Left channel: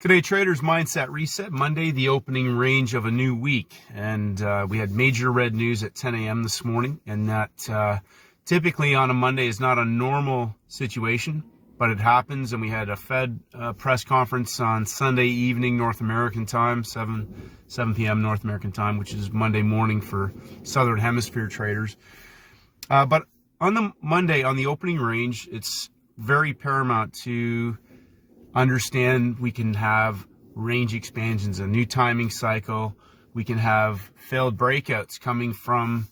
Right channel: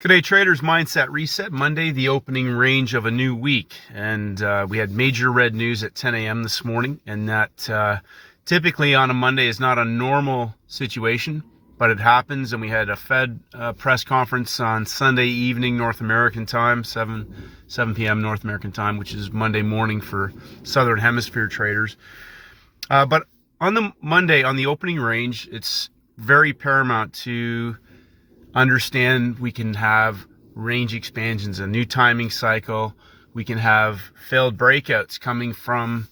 G'day traders, Mindset Reset. Monday, the opening range of a new week. And we had major red news at 10 a.m. this morning. And that typically on a Monday is not a normal situation, but it happens. And we had a Fed press conference on Sunday evening, North American time, 7 p.m. North American time, which is Monday morning for Southern Hemisphere traders. But on the Monday, on the opening range, it's very paramount to understand we can have range expansions, a new timing cycle. We can have failed breakouts coming from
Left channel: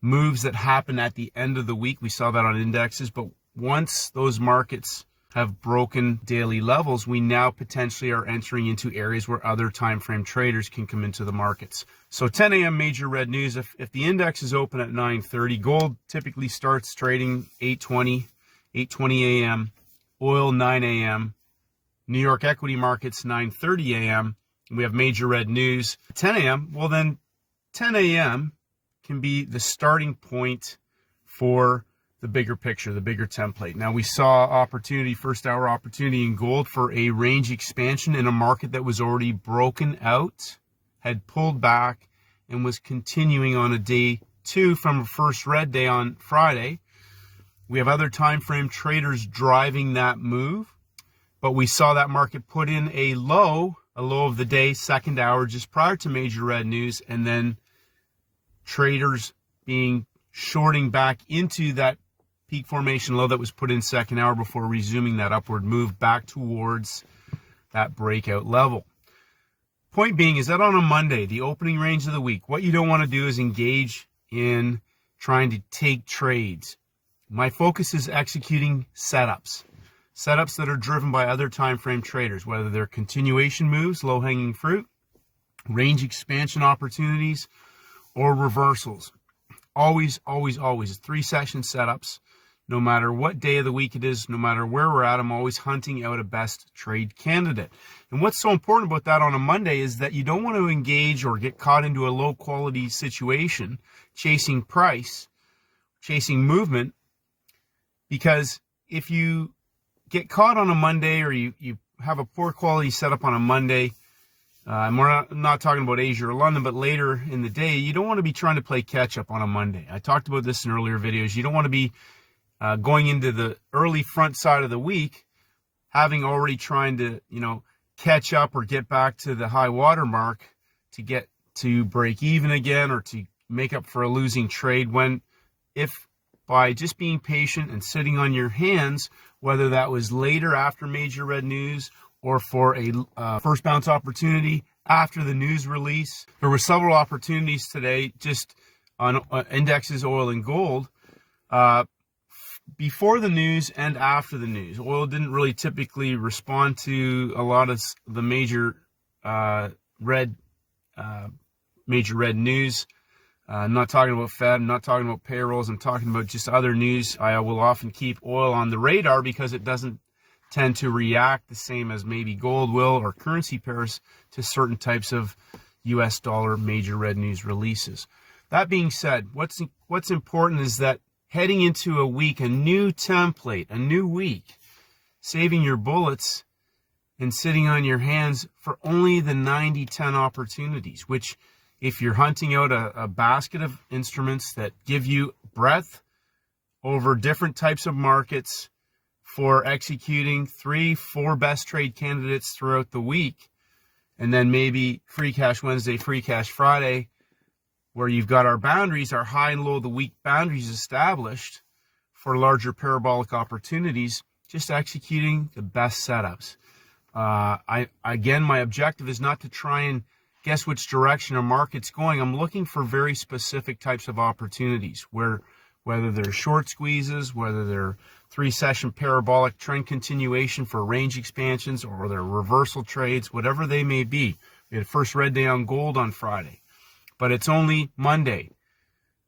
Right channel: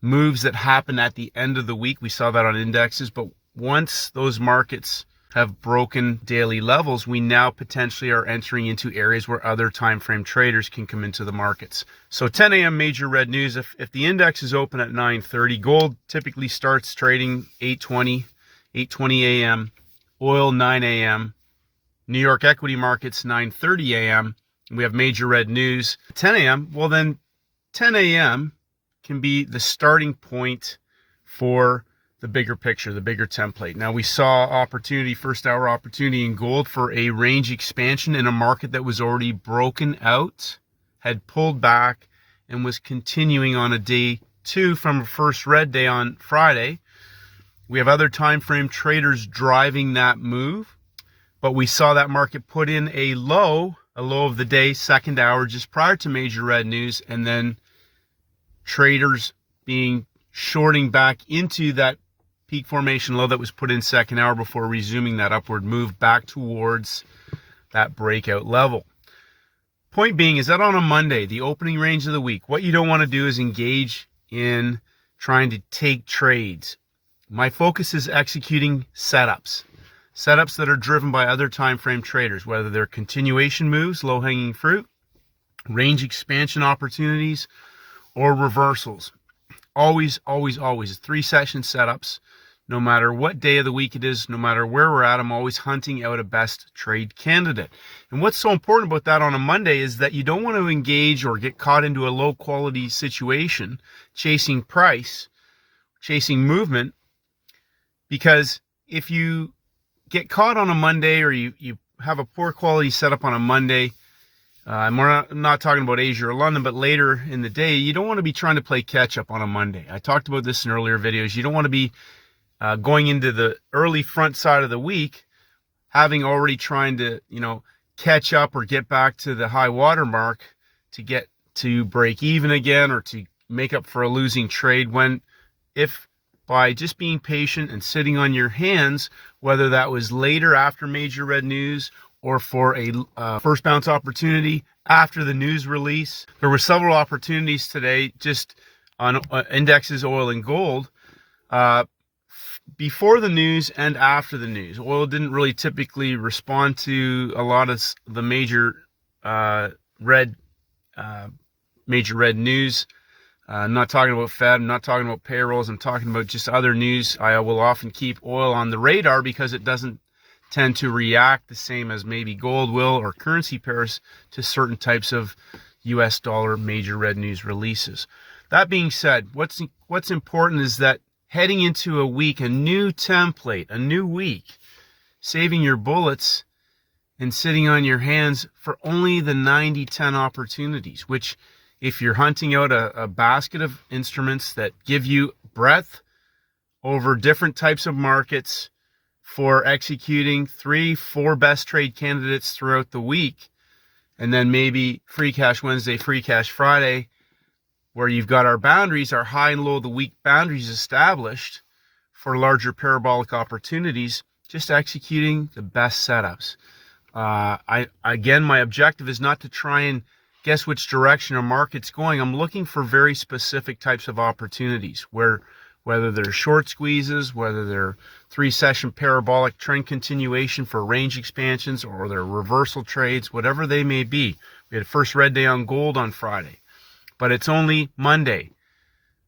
moves that happen at the end of the week. We saw that on indexes, but once those markets have broken daily levels, we now potentially are entering into areas where other time frame traders can come into the markets. So 10 a.m. major red news. If the index is open at 9:30, gold typically starts trading 8:20 a.m., oil 9 a.m., New York equity markets 9:30 a.m. We have major red news 10 a.m. Well, then 10 a.m. can be the starting point for the bigger picture, the bigger template. Now we saw opportunity, first hour opportunity in gold for a range expansion in a market that was already broken out, had pulled back, and was continuing on a day two from a first red day on Friday. We have other time frame traders driving that move. But we saw that market put in a low of the day, second hour, just prior to major red news, and then traders being shorting back into that peak formation low that was put in second hour before resuming that upward move back towards that breakout level. Point being is that on a Monday, the opening range of the week, what you don't want to do is engage in trying to take trades. My focus is executing setups that are driven by other time frame traders, whether they're continuation moves, low-hanging fruit, range expansion opportunities, or reversals. Always 3-session setups. No matter what day of the week it is, no matter where we're at, I'm always hunting out a best trade candidate. And what's so important about that on a Monday is that you don't want to engage or get caught into a low quality situation, chasing price, chasing movement, because if you get caught on a Monday or you have a poor quality setup on a Monday, and we're not talking about Asia or London, but later in the day, you don't want to be trying to play catch up on a Monday. I talked about this in earlier videos. You don't want to be going into the early front side of the week, having already trying to, catch up or get back to the high water mark to get to break even again or to make up for a losing trade, when if by just being patient and sitting on your hands, whether that was later after major red news or for a first bounce opportunity after the news release. There were several opportunities today just on indexes, oil and gold, before the news and after the news. Oil didn't really typically respond to a lot of the major red news. I'm not talking about Fed, I'm not talking about payrolls, I'm talking about just other news. I will often keep oil on the radar because it doesn't tend to react the same as maybe gold will or currency pairs to certain types of US dollar major red news releases. That being said, what's important is that heading into a week, a new template, a new week, saving your bullets and sitting on your hands for only the 90-10 opportunities, which if you're hunting out a basket of instruments that give you breadth over different types of markets for executing 3-4 best trade candidates throughout the week, and then maybe free cash Wednesday, free cash Friday, where you've got our boundaries, our high and low of the week boundaries established for larger parabolic opportunities, just executing the best setups. Again, my objective is not to try and guess which direction a market's going. I'm looking for very specific types of opportunities where, whether they're short squeezes, whether they're 3-session parabolic trend continuation for range expansions, or they're reversal trades, whatever they may be. We had a first red day on gold on Friday, but it's only Monday.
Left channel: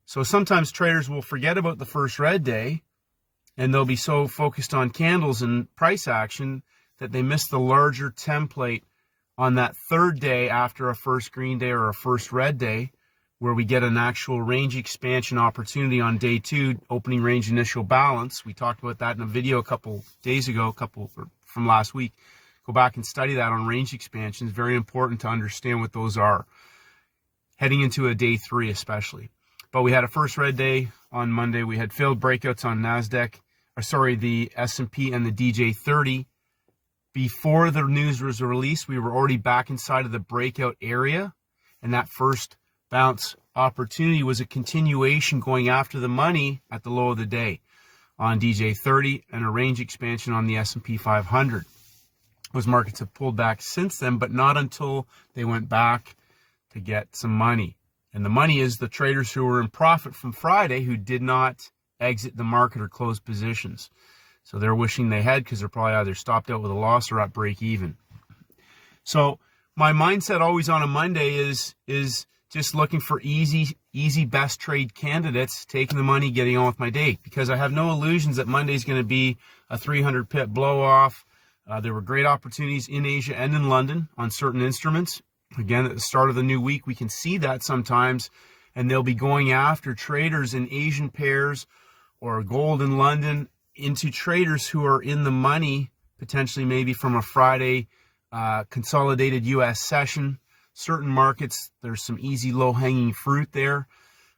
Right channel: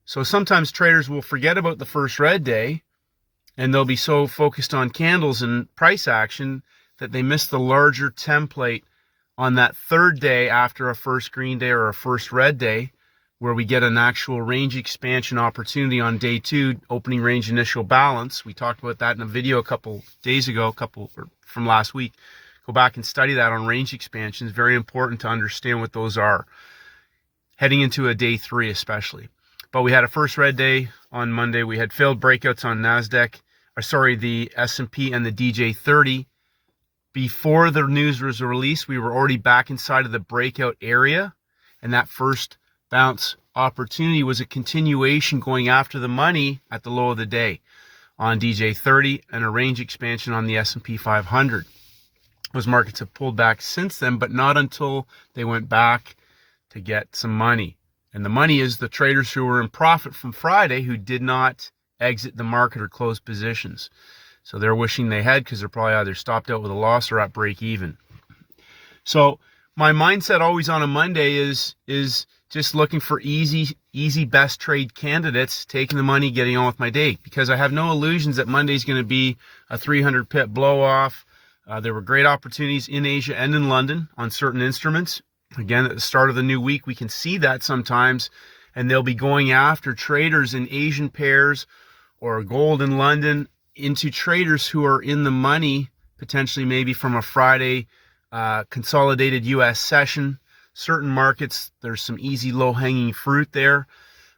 So sometimes traders will forget about the first red day and they'll be so focused on candles and price action that they miss the larger template on that third day after a first green day or a first red day, where we get an actual range expansion opportunity on day two, opening range initial balance. We talked about that in a video a couple days ago, from last week, go back and study that on range expansions. Very important to understand what those are heading into a day 3 especially. But we had a first red day on Monday. We had failed breakouts on the S&P and the DJ30. Before the news was released, we were already back inside of the breakout area, and that first bounce opportunity was a continuation going after the money at the low of the day on DJ30 and a range expansion on the S&P 500. Those markets have pulled back since then, but not until they went back to get some money. And the money is the traders who were in profit from Friday who did not exit the market or close positions. So they're wishing they had, because they're probably either stopped out with a loss or at break even. So my mindset always on a Monday is just looking for easy best trade candidates, taking the money, getting on with my day, because I have no illusions that Monday's going to be a 300 pip blow off. There were great opportunities in Asia and in London on certain instruments. Again, at the start of the new week, we can see that sometimes, and they'll be going after traders in Asian pairs or gold in London into traders who are in the money, potentially maybe from a Friday consolidated U.S. session. Certain markets, there's some easy low-hanging fruit there.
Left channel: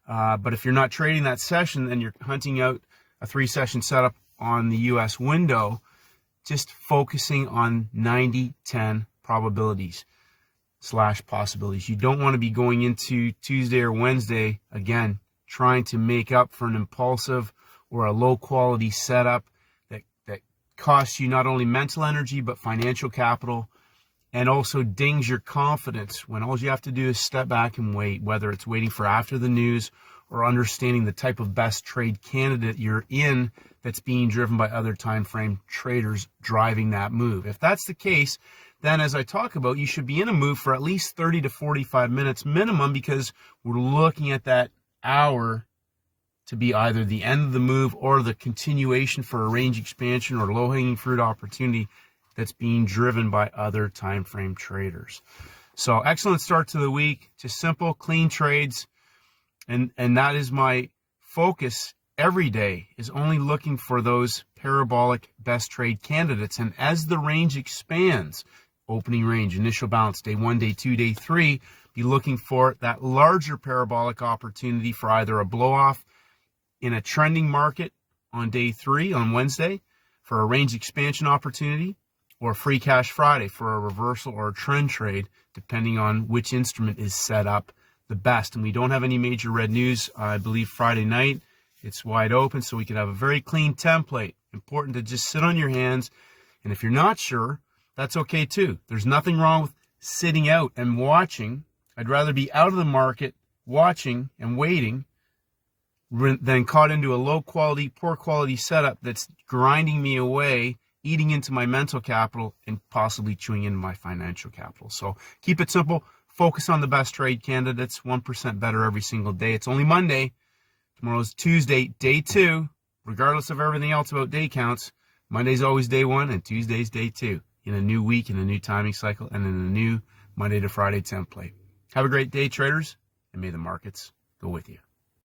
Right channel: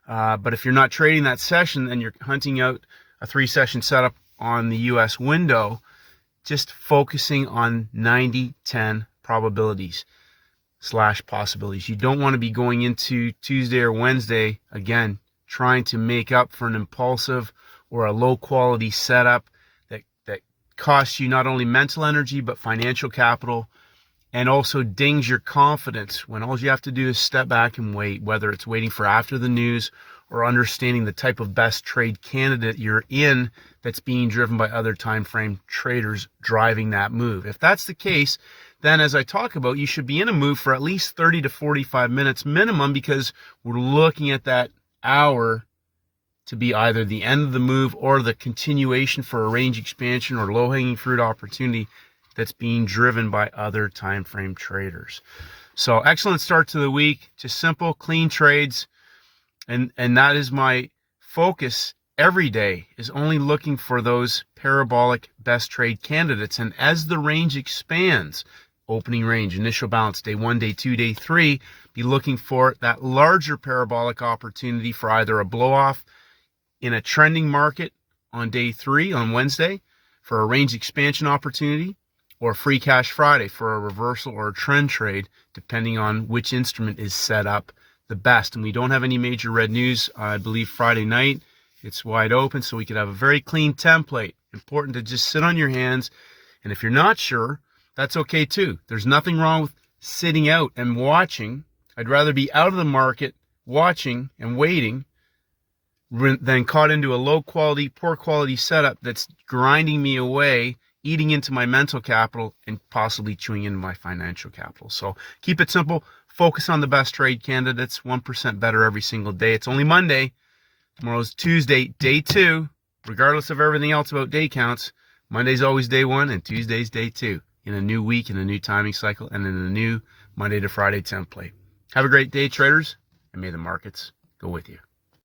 But if you're not trading that session and you're hunting out a 3-session setup on the U.S. window, just focusing on 90-10 probabilities / possibilities. You don't want to be going into Tuesday or Wednesday, again, trying to make up for an impulsive or a low quality setup that costs you not only mental energy, but financial capital, and also dings your confidence when all you have to do is step back and wait, whether it's waiting for after the news or understanding the type of best trade candidate you're in that's being driven by other time frame traders driving that move. If that's the case, then as I talk about, you should be in a move for at least 30 to 45 minutes minimum, because we're looking at that hour to be either the end of the move or the continuation for a range expansion or low-hanging fruit opportunity that's being driven by other time frame traders. So excellent start to the week, just simple, clean trades. And that is my focus every day, is only looking for those parabolic best trade candidates. And as the range expands, opening range, initial balance, day 1, day 2, day 3, be looking for that larger parabolic opportunity for either a blow off in a trending market on day 3 on Wednesday for a range expansion opportunity, or free cash Friday for a reversal or a trend trade, depending on which instrument is set up the best. And we don't have any major red news, I believe, Friday night. It's wide open, so we could have a very clean template. Important to just sit on your hands. And if you're not sure, that's okay too. There's nothing wrong with sitting out and watching. I'd rather be out of the market watching and waiting than caught into a low quality, poor quality setup that's grinding me away, eating into my mental capital, and possibly chewing into my financial capital. So keep it simple. Focus on the best trade candidates, 1% better every single day. It's only Monday. Tomorrow's Tuesday, day 2. Regardless of everything else about day counts, Monday's always day 1 and Tuesday's day 2 in a new week, in a new timing cycle, and in a new Monday to Friday template. Have a great day, traders, and may the markets go with you.